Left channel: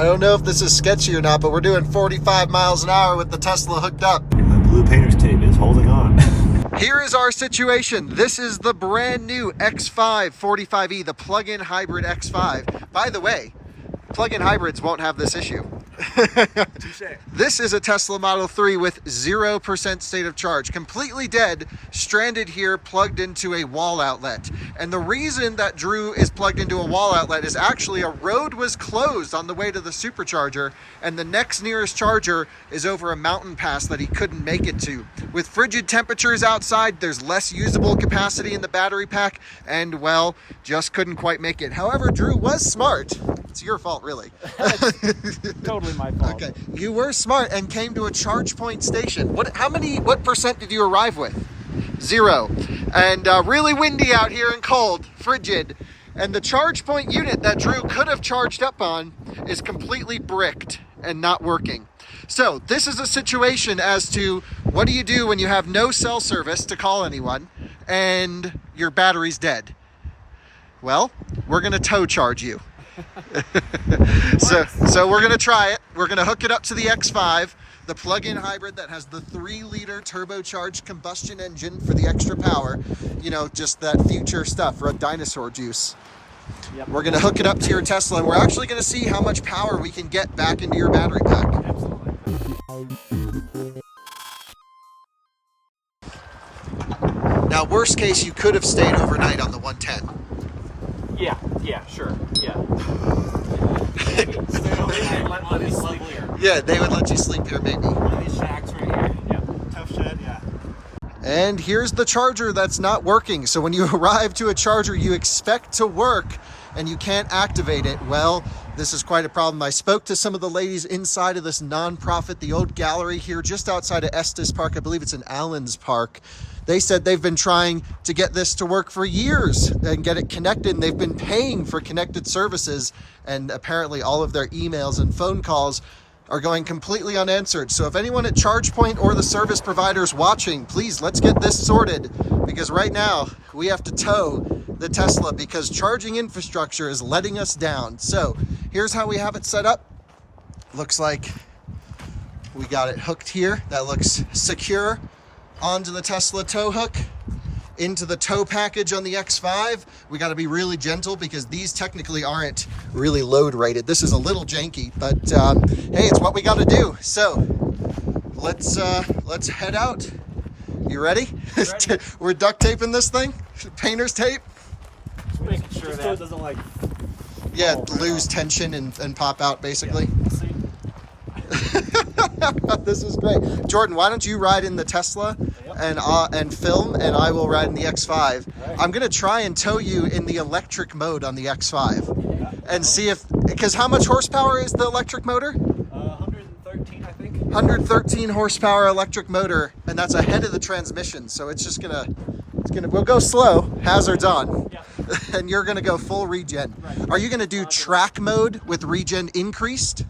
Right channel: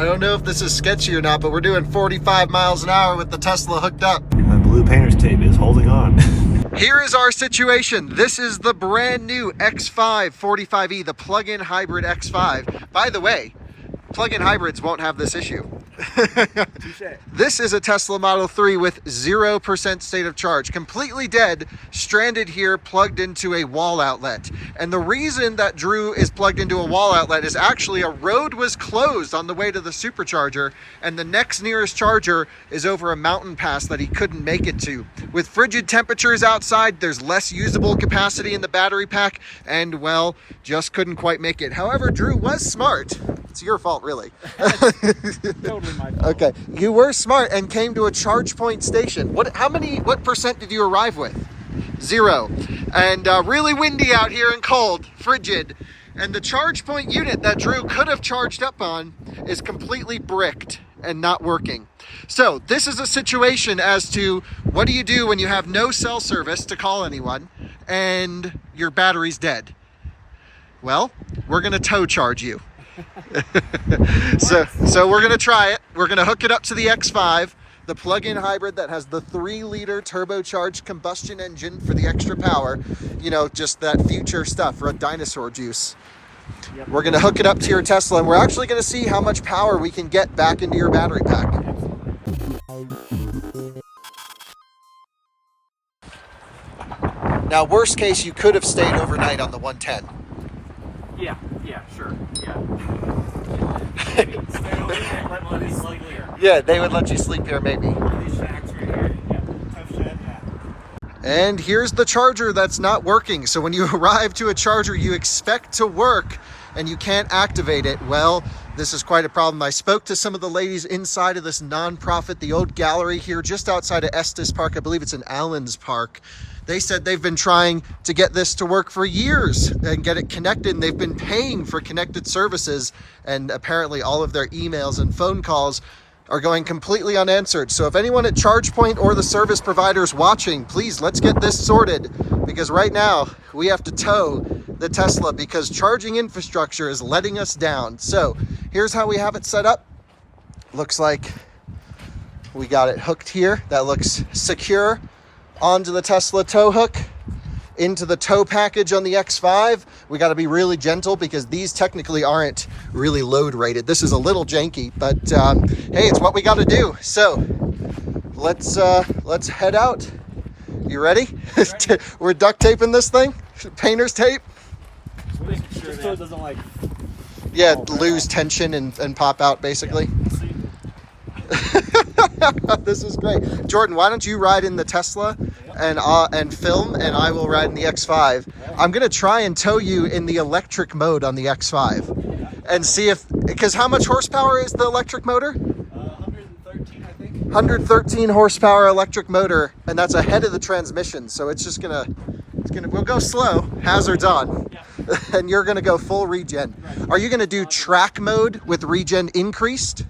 I don't know if this is sketchy or not, but we're doing 45 miles an hour with the Tesla hooked up. And the blue painter's tape is holding on. Here is our situation. This is the brand new X5 45E, the plug-in hybrid X5. By the way, plug-in hybrids won't have this issue. This is a Tesla Model 3 with 0% state of charge, completely dead, stranded here, plugged into a wall outlet. And the reason that Drew is plugged into a wall outlet is actually a road was closed on the way to the supercharger, and the next nearest charger is over a mountain pass that he couldn't make it to. With frigid temperatures outside, there's less usable capacity in the battery pack, and well, just couldn't quite make it. However, Drew was smart. It's your fault, really. Totally my fault. Okay, you were smart and came to a charge point station. What percent did you arrive with? 0. And really windy out here and cold, frigid. And the charge point unit that Drew could have charged up on is completely bricked and not working. So this is a situation as to what do you do when you have no cell service to call anyone and your battery's dead? Well, we're gonna tow charge you. So we're gonna try it. We're gonna hook it up to the X5, the plug-in hybrid that has the 3-liter turbocharged combustion engine for the extra power. You know, just that future stuff, dinosaur juice. Yep. We're gonna hook it up to your Tesla, and we're actually gonna see how much power we can get back into your battery pack. Absolutely. Now, worst case, you could have stayed overnight on the 110. Yeah, sure. Yeah. Let me sleep here. Yeah, they would let you sleep here, maybe. These shacks right here. Yeah. Tough shed, yeah. And here's the charger that's not working. So when you arrive to a charger you expect to work and you can't activate it, well, this is quite a problem. I spoke to some of the ladies inside of this nonprofit, the old gallery here just outside of Estes Park. I believe it's in Allen's Park. They said they've been trying to get this to work for years and get it connected, and they've been paying for connected services, and apparently all of their emails and phone calls are going completely unanswered. So if anyone at ChargePoint or the service providers watching, please, let's get this sorted, because right now we have to tow the Tesla because charging infrastructure is letting us down. So here's how we have it set up. Looks like we got it hooked here. That looks secure onto the Tesla tow hook, into the tow package on the X5. We got to be really gentle because these technically aren't really load rated. This is a little janky, but hey, it's what we got to do. So let's head out. You ready? We're duct taping this thing, painter's tape. Just so it doesn't like. Yeah, lose tension and pop out basically. This is great. Jordan, why don't you ride in the Tesla and film, and I will ride in the X5. I'm gonna try and tow you in the electric mode on the X5 and see if, because how much horsepower is the electric motor? 113, I think. 113 horsepower electric motor, and that's ahead of the transmission, so it's gonna we'll go slow, hazards on. Yeah. And you're gonna go full regen. Right. Are you gonna do track mode with regen increased?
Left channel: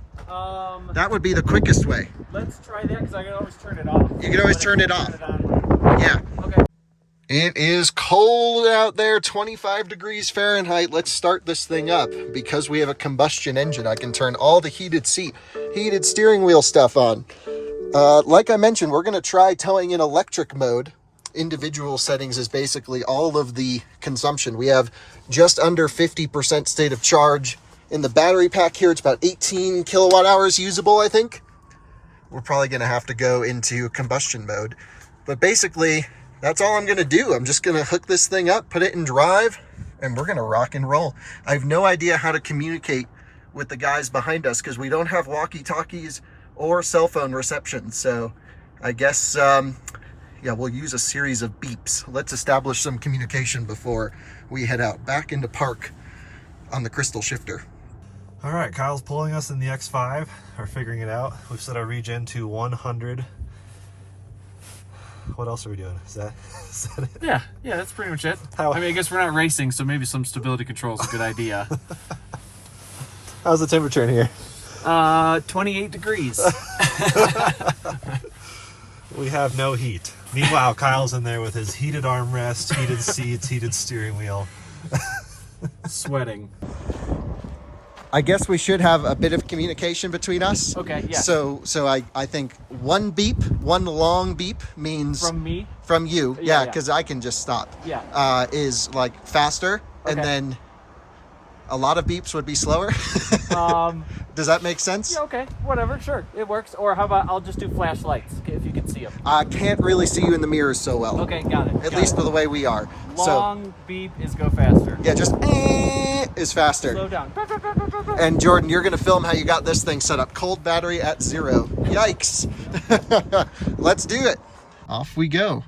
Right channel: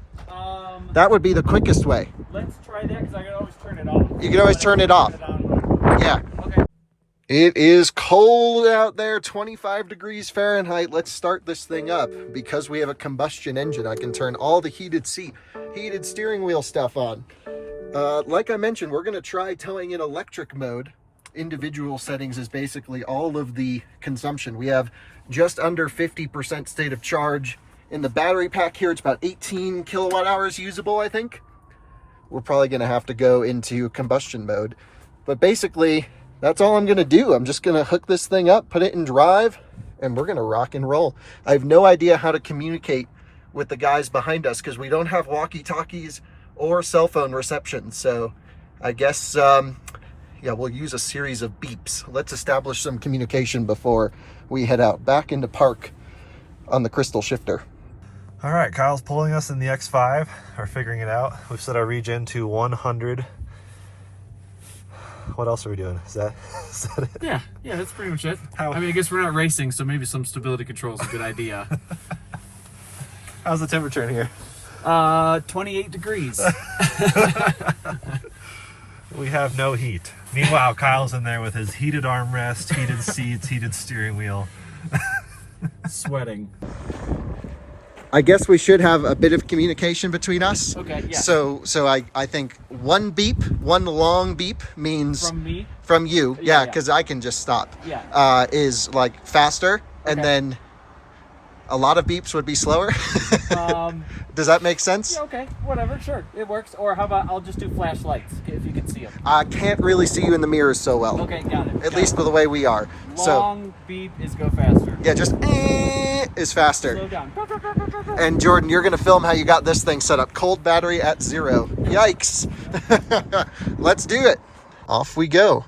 That would be the quickest way. Let's try that because I can always turn it off. You can always turn it off. Yeah. Okay. It is cold out there, 25 degrees Fahrenheit. Let's start this thing up. Because we have a combustion engine, I can turn all the heated steering wheel stuff on. Like I mentioned, we're going to try towing in electric mode. Individual settings is basically all of the consumption. We have just under 50% state of charge. In the battery pack here, it's about 18 kilowatt hours usable, I think. We're probably going to have to go into combustion mode. But basically, that's all I'm going to do. I'm just going to hook this thing up, put it in drive, and we're going to rock and roll. I have no idea how to communicate with the guys behind us because we don't have walkie-talkies or cell phone reception. So I guess, yeah, we'll use a series of beeps. Let's establish some communication before we head out back into park on the crystal shifter. All right, Kyle's pulling us in the X5. We're figuring it out. We've set our regen to 100. What else are we doing? Is that it? Yeah, that's pretty much it. I mean, I guess we're not racing, so maybe some stability control is a good idea. How's the temperature in here? 28 degrees. We have no heat. Meanwhile, Kyle's in there with his heated armrest, heated seats, heated steering wheel. Sweating. I guess we should have a bit of communication between us. Okay, yeah. So I think one beep, one long beep means From me? from you. Yeah, Yeah, because I can just stop. Yeah. Is like faster, and Okay. then a lot of beeps would be slower. Does that make sense? Yeah, okay, whatever, sure, it works. Or how about I'll just do flashlights if you can see them. I can't really see you in the mirrors so well. Okay, got it. At least for the way we are. Long beep is go faster. So yeah, just is faster. Slow down. And Jordan, you're gonna film how you got this thing set up. Cold battery at 0. Yikes. Let's do it. Off we go.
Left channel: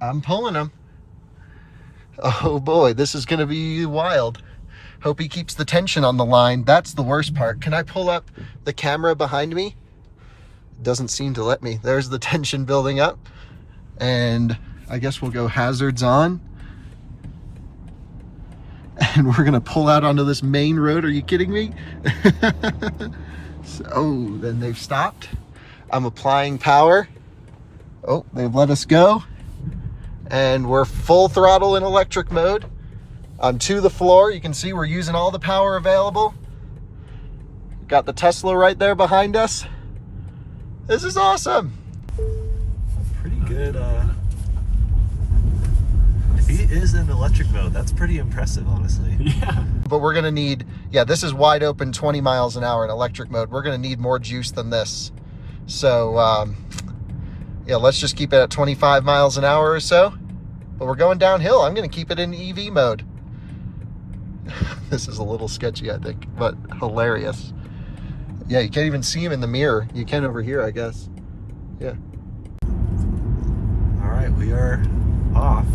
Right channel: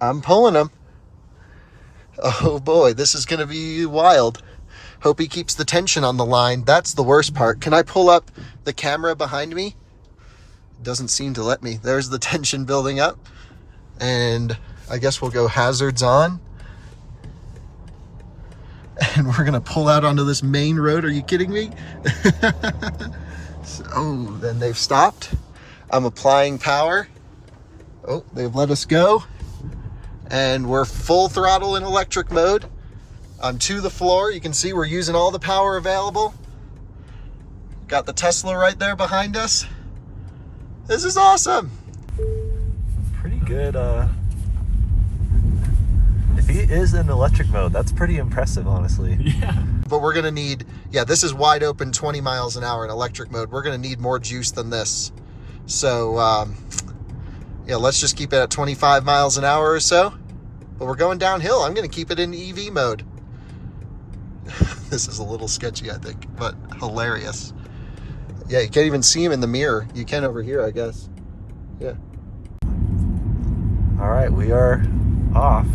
I'm pulling him. Oh boy, this is gonna be wild. Hope he keeps the tension on the line. That's the worst part. Can I pull up the camera behind me? Doesn't seem to let me. There's the tension building up. And I guess we'll go hazards on. And we're gonna pull out onto this main road. Are you kidding me? So, then they've stopped. I'm applying power. Oh, they've let us go. And we're full throttle in electric mode. I'm to the floor. You can see we're using all the power available. Got the Tesla right there behind us. This is awesome. Pretty good. If he is in electric mode, that's pretty impressive, honestly. Yeah. But we're gonna need, yeah, this is wide open 20 miles an hour in electric mode. We're gonna need more juice than this. So, yeah, let's just keep it at 25 miles an hour or so. But we're going downhill. I'm gonna keep it in EV mode. This is a little sketchy, I think, but hilarious. Yeah, you can't even see him in the mirror. You can over here, I guess. Yeah. All right, we are off.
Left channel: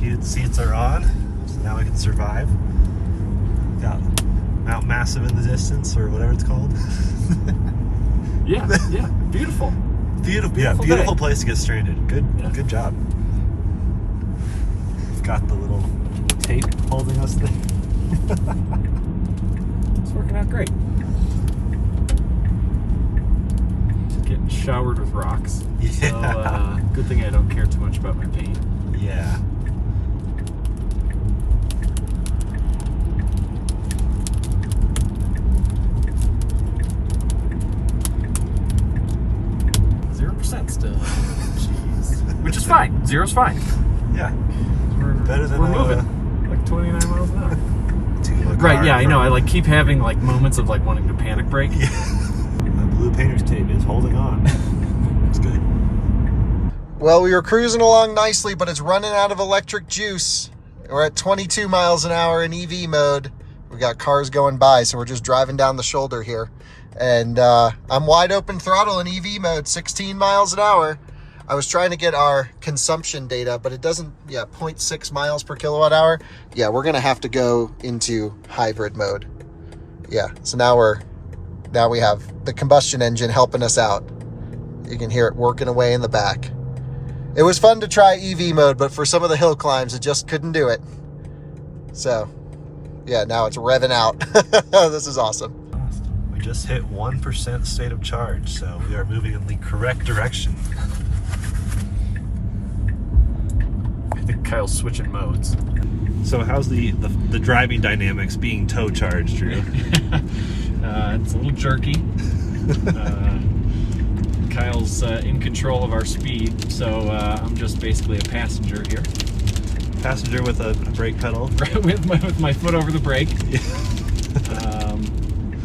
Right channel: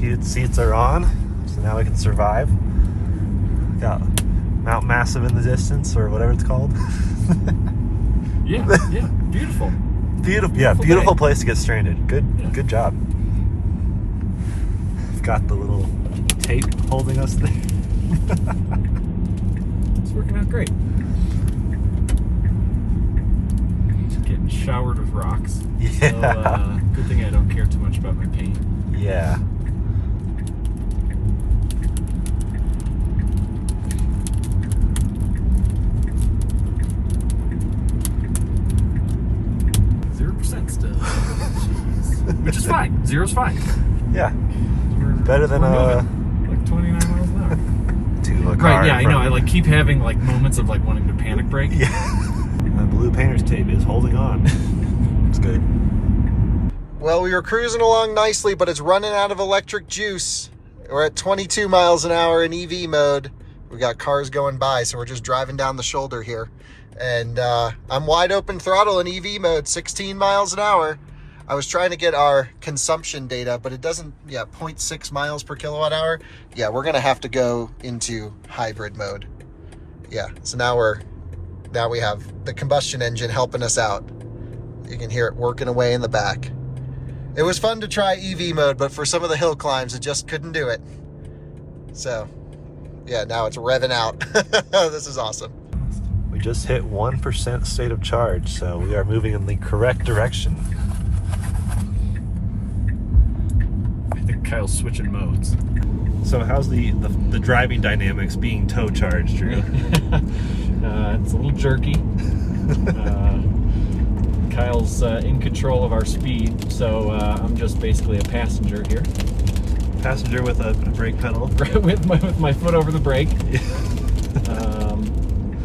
Heated seats are on, so now we can survive. Got Mount Massive in the distance, or whatever it's called. Yeah, yeah. Beautiful. Beautiful, yeah, beautiful place to get stranded. Good job. Got the little tape holding us there. It's working out great. Just getting showered with rocks. Yeah. So, good thing I don't care too much about my paint. Yeah. Still. Jeez. Which is fine. Zero's fine. Yeah. Better than we're moving like 29 miles an hour. to a car. Right, yeah, I know. I like keep having like moments of like wanting to panic brake. Yeah. The blue painter's tape is holding on. It's good. Well, we were cruising along nicely, but it's running out of electric juice. We're at 22 miles an hour in EV mode. We got cars going by, so we're just driving down the shoulder here. And I'm wide open throttle in EV mode, 16 miles an hour. I was trying to get our consumption data, but it doesn't, 0.6 miles per kilowatt hour. Yeah, we're gonna have to go into hybrid mode. Yeah, so now we have the combustion engine helping us out. You can hear it working away in the back. It was fun to try EV mode, but for some of the hill climbs, it just couldn't do it. So, yeah, now it's revving out. This is awesome. We just hit 1% state of charge, so we are moving in the correct direction. I think Kyle's switching modes. So how's the driving dynamics being tow charged, Drew? It's a little jerky. Kyle's in control of our speed, so I'm just basically a passenger here. Passenger with a brake pedal. with my foot over the brake. Yeah.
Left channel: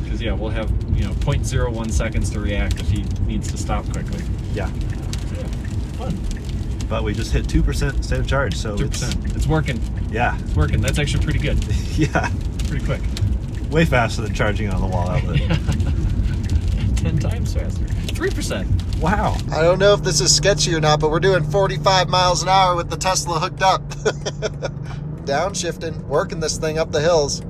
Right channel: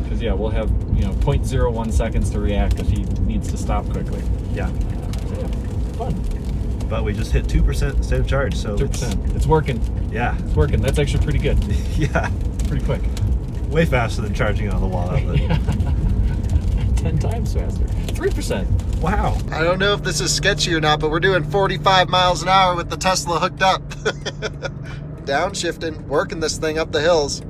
Because we'll have 0.01 seconds to react if he needs to stop quickly. Yeah. So yeah, fun. But we just hit 2% state of charge, so 2%. It's working. Yeah. It's working. That's actually pretty good. Yeah. Pretty quick. Way faster than charging on the wall outlet. 10 times faster. 3%. Wow. I don't know if this is sketchy or not, but we're doing 45 miles an hour with the Tesla hooked up. Downshifting, working this thing up the hills.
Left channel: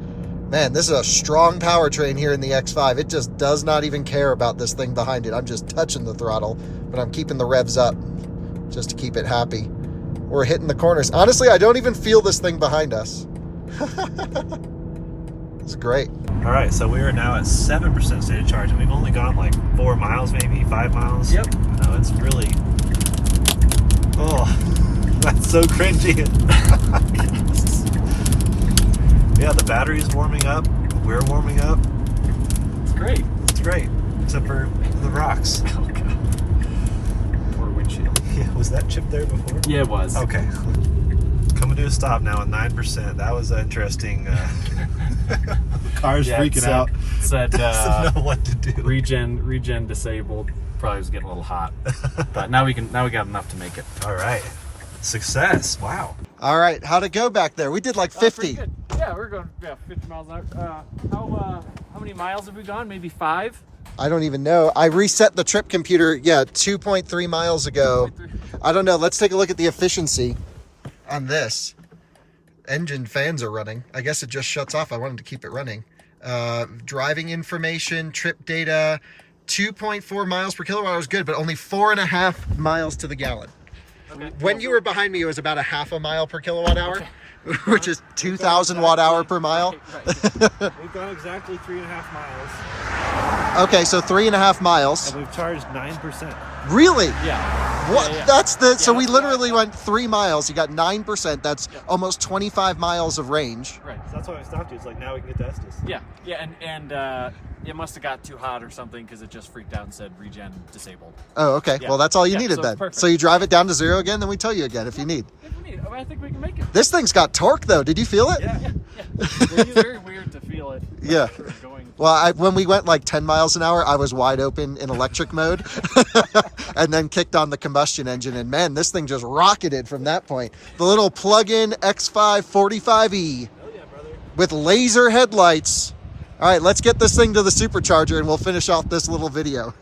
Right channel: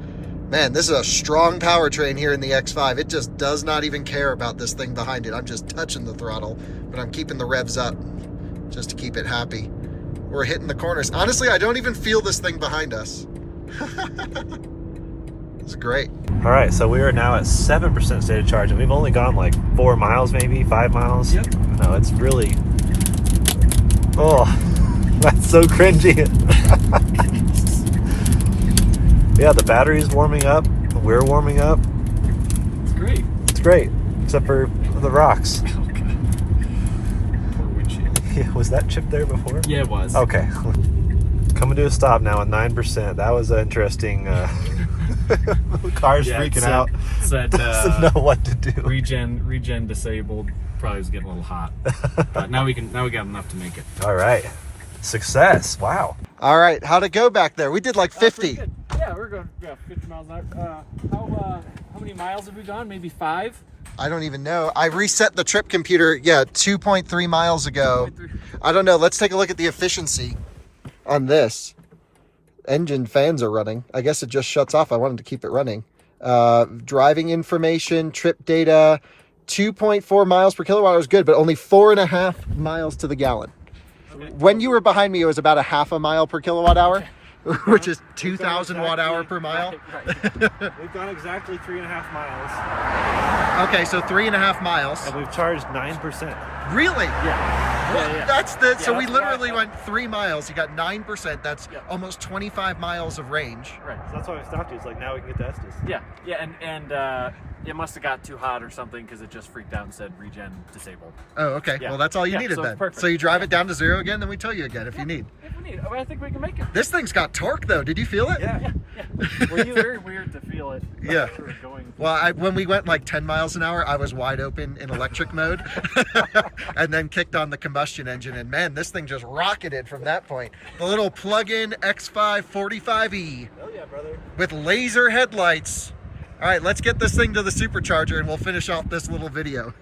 Man, this is a strong powertrain here in the X5. It just does not even care about this thing behind it. I'm just touching the throttle, but I'm keeping the revs up just to keep it happy. We're hitting the corners. Honestly, I don't even feel this thing behind us. It's great. All right, so we are now at 7% state of charge, and we've only gone like 4 miles, maybe 5 miles. Yep. No, it's really. Oh, that's so cringy. Yeah, the battery's warming up. We're warming up. It's great. It's great, except for the rocks. Poor windshield. Yeah, was that chip there before? Yeah, it was. Okay. Coming to a stop now at 9%. That was interesting. Car's Yeah, freaking out. Said, Doesn't know what to do. Regen disabled. Probably was getting a little hot. But now we got enough to make it. All right. Success. Wow. All right, how'd it go back there? We did like 50. Pretty good. Yeah, we're going 50 miles an hour. How many miles have we gone? Maybe 5? I don't even know. I reset the trip computer, 2.3 miles ago. I don't know. Let's take a look at the efficiency on this. Engine fans are running. I guess it just shuts off. I wanted to keep it running. Driving information, trip data, 2.4 miles per kilowatt was good, but only 4.5 miles to the gallon. Okay. When you were behind me, it was about a half a mile per kilowatt hour, which is 2,000 watt hour per mile. Right. We've gone exactly 3.5 miles. Okay, so 3.5 miles. And we've charged 9%. Really? Yeah. What? Yeah. That's the. So we that's literally why- went 3 miles. You got 9%. That's almost 25 miles of range. Right. So that's why I stopped you. It's like, now we can get to Estes. Yeah. Yeah. And it must have got too hot or something because it just freaked out and said regen disabled. Oh, okay. Yeah. Well, that's all you Yeah, needed so it's then. perfect. So you drive it down to 0 again, then we tell you again if you need. If we need it, I think we can make it. This thing's got torque though. Did you feel it? Yeah. It's very weird to feel it. Yeah. Sort of going. Well, when we went like 10 miles an hour, I was wide open in electric mode and then kicked on the combustion engine. And man, this thing just rocketed from that point. The little plug-in X5 45E with laser headlights. All right, let's get this thing to the supercharger and we'll finish off this little video.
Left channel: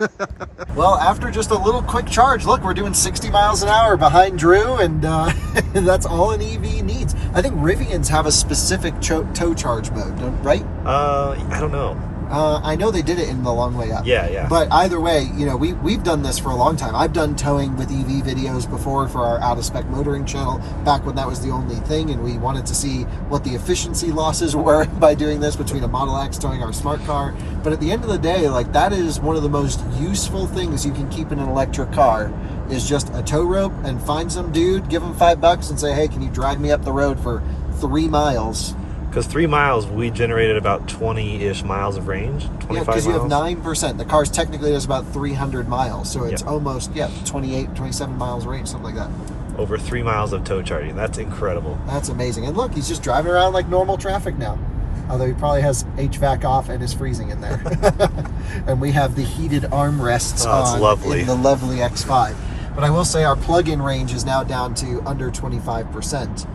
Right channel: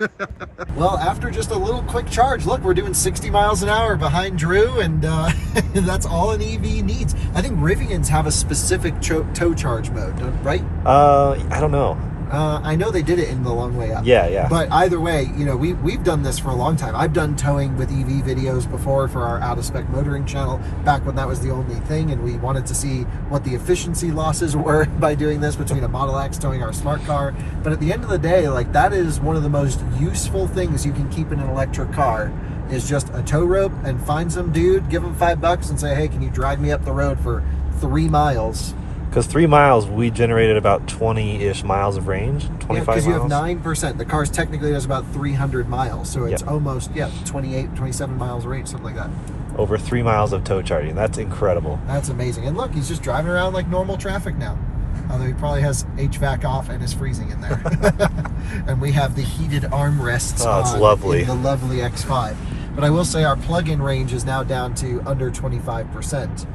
Well, after just a little quick charge, look, we're doing 60 miles an hour behind Drew, and that's all an EV needs. I think Rivians have a specific tow charge mode, right? I don't know. I know they did it in the long way up. Yeah. But either way, we've done this for a long time. I've done towing with EV videos before for our out of spec motoring channel, back when that was the only thing, and we wanted to see what the efficiency losses were by doing this between a Model X towing our smart car. But at the end of the day, like, that is one of the most useful things you can keep in an electric car, is just a tow rope, and find some dude, give him $5 and say, hey, can you drive me up the road for 3 miles? Because 3 miles, we generated about 20-ish miles of range, 25 miles. Because you have 9%. The car's technically does about 300 miles. So it's almost, 28, 27 miles range, something like that. Over 3 miles of tow charging. That's incredible. That's amazing. And look, he's just driving around like normal traffic now. Although he probably has HVAC off and is freezing in there. And we have the heated armrests it's lovely. in the lovely X5. But I will say our plug-in range is now down to under 25%.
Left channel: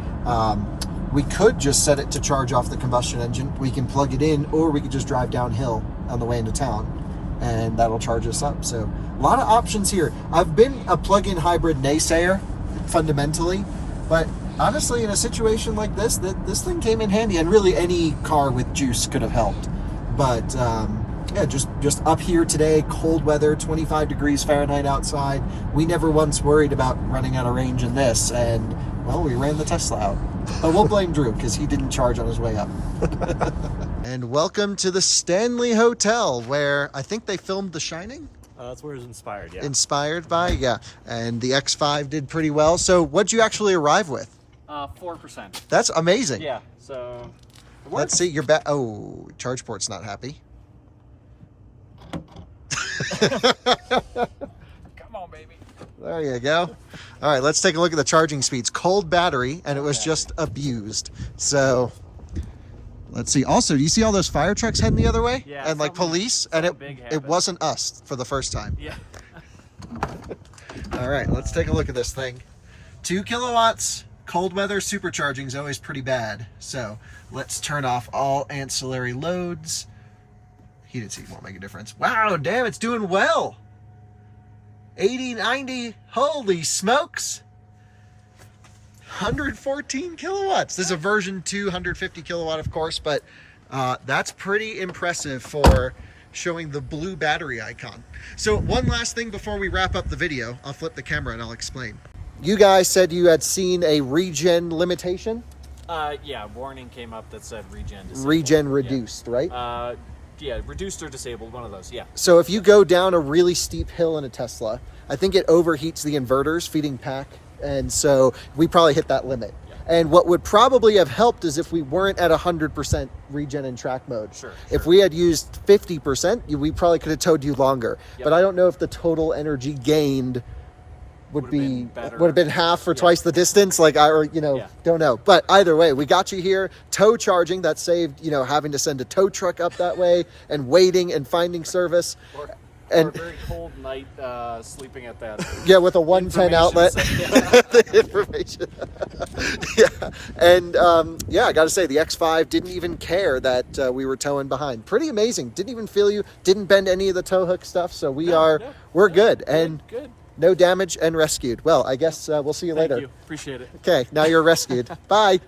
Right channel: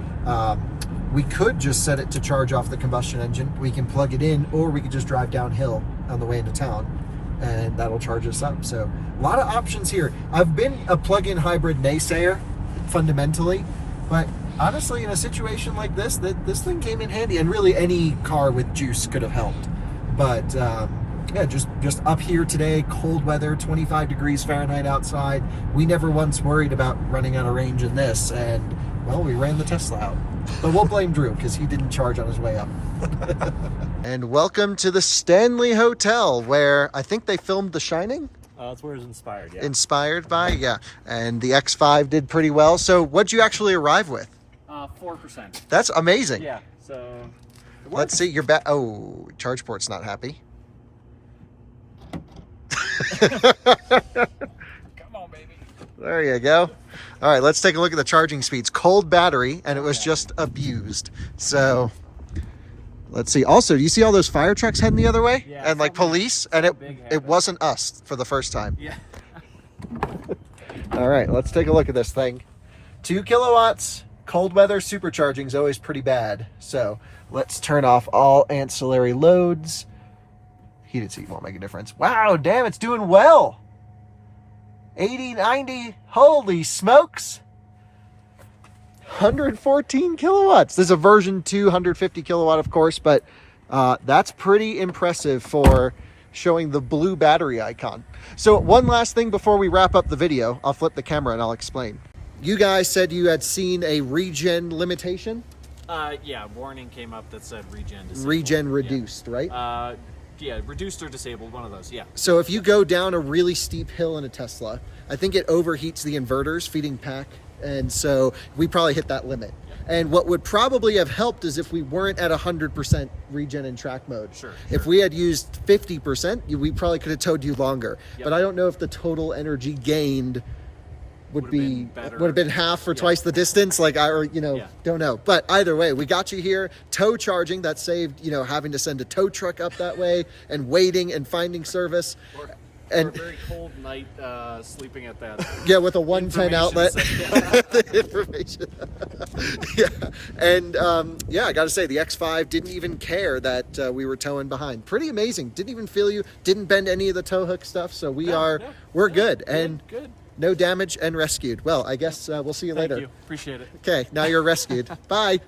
We could just set it to charge off the combustion engine. We can plug it in, or we could just drive downhill on the way into town, and that'll charge us up. So a lot of options here. I've been a plug-in hybrid naysayer, fundamentally, but honestly, in a situation like this, this thing came in handy, and really any car with juice could have helped. But just up here today, cold weather, 25 degrees Fahrenheit outside. We never once worried about running out of range in this, and well, we ran the Tesla out. But we'll blame Drew because he didn't charge on his way up. And welcome to the Stanley Hotel, where I think they filmed The Shining. That's where it's inspired, yeah. Inspired by, yeah. And the X5 did pretty well. So what'd you actually arrive with? 4%. That's amazing. Yeah. So. It Let's works. see, your oh, charge port's not happy. Come on, baby. There you go. All right, let's take a look at the charging speeds. Cold battery, and it was just abused. So let's see. Also, do you see all those fire trucks heading the other way? Yeah, And like something- police, and something big it happened. wasn't us for the first time. Yeah. All right, let's take a look at this thing. 2 kilowatts, cold weather, supercharging is always pretty bad. So let's turn off all ancillary loads. Heated seat won't make a difference. Wow, damn, it's doing well. 80, 90, holy smokes. 114 kilowatts. This is a version 2, 150 kilowatt, of course, but that's pretty impressive for showing the blue battery icon. So one last thing before we wrap up the video, I'll flip the camera and I'll explain. You guys said you had seen a regen limitation? Yeah, warning came up that said regen disabled. Regen reduced, right? Yeah, reduced or disabled, one of those, yeah. So if you go down a really steep hill in a Tesla, I think it overheats the inverters feeding pack. And so we probably hit that limit. And what would probably have helped is if we weren't at 100% regen and track mode. Sure. If we had used 50%, we probably could have towed you longer. Yep. But I don't know if the total energy gained would have been half for twice the distance. Like don't know. But either way, we got you here. Tow charging, that saved having to send a tow truck up that way and waiting and finding service. Or a very cold night sleeping at that. Yeah, with a 110 outlet. The information. Yeah. And I got to say, the X5 didn't even care that we were towing behind. Pretty amazing. Didn't even feel you. Didn't bend any of the tow hook stuff. So we're good. And good. No damage and rescued. Well, I guess we'll see you later. Thank you. Appreciate it. Okay, now you're rescued. Bye.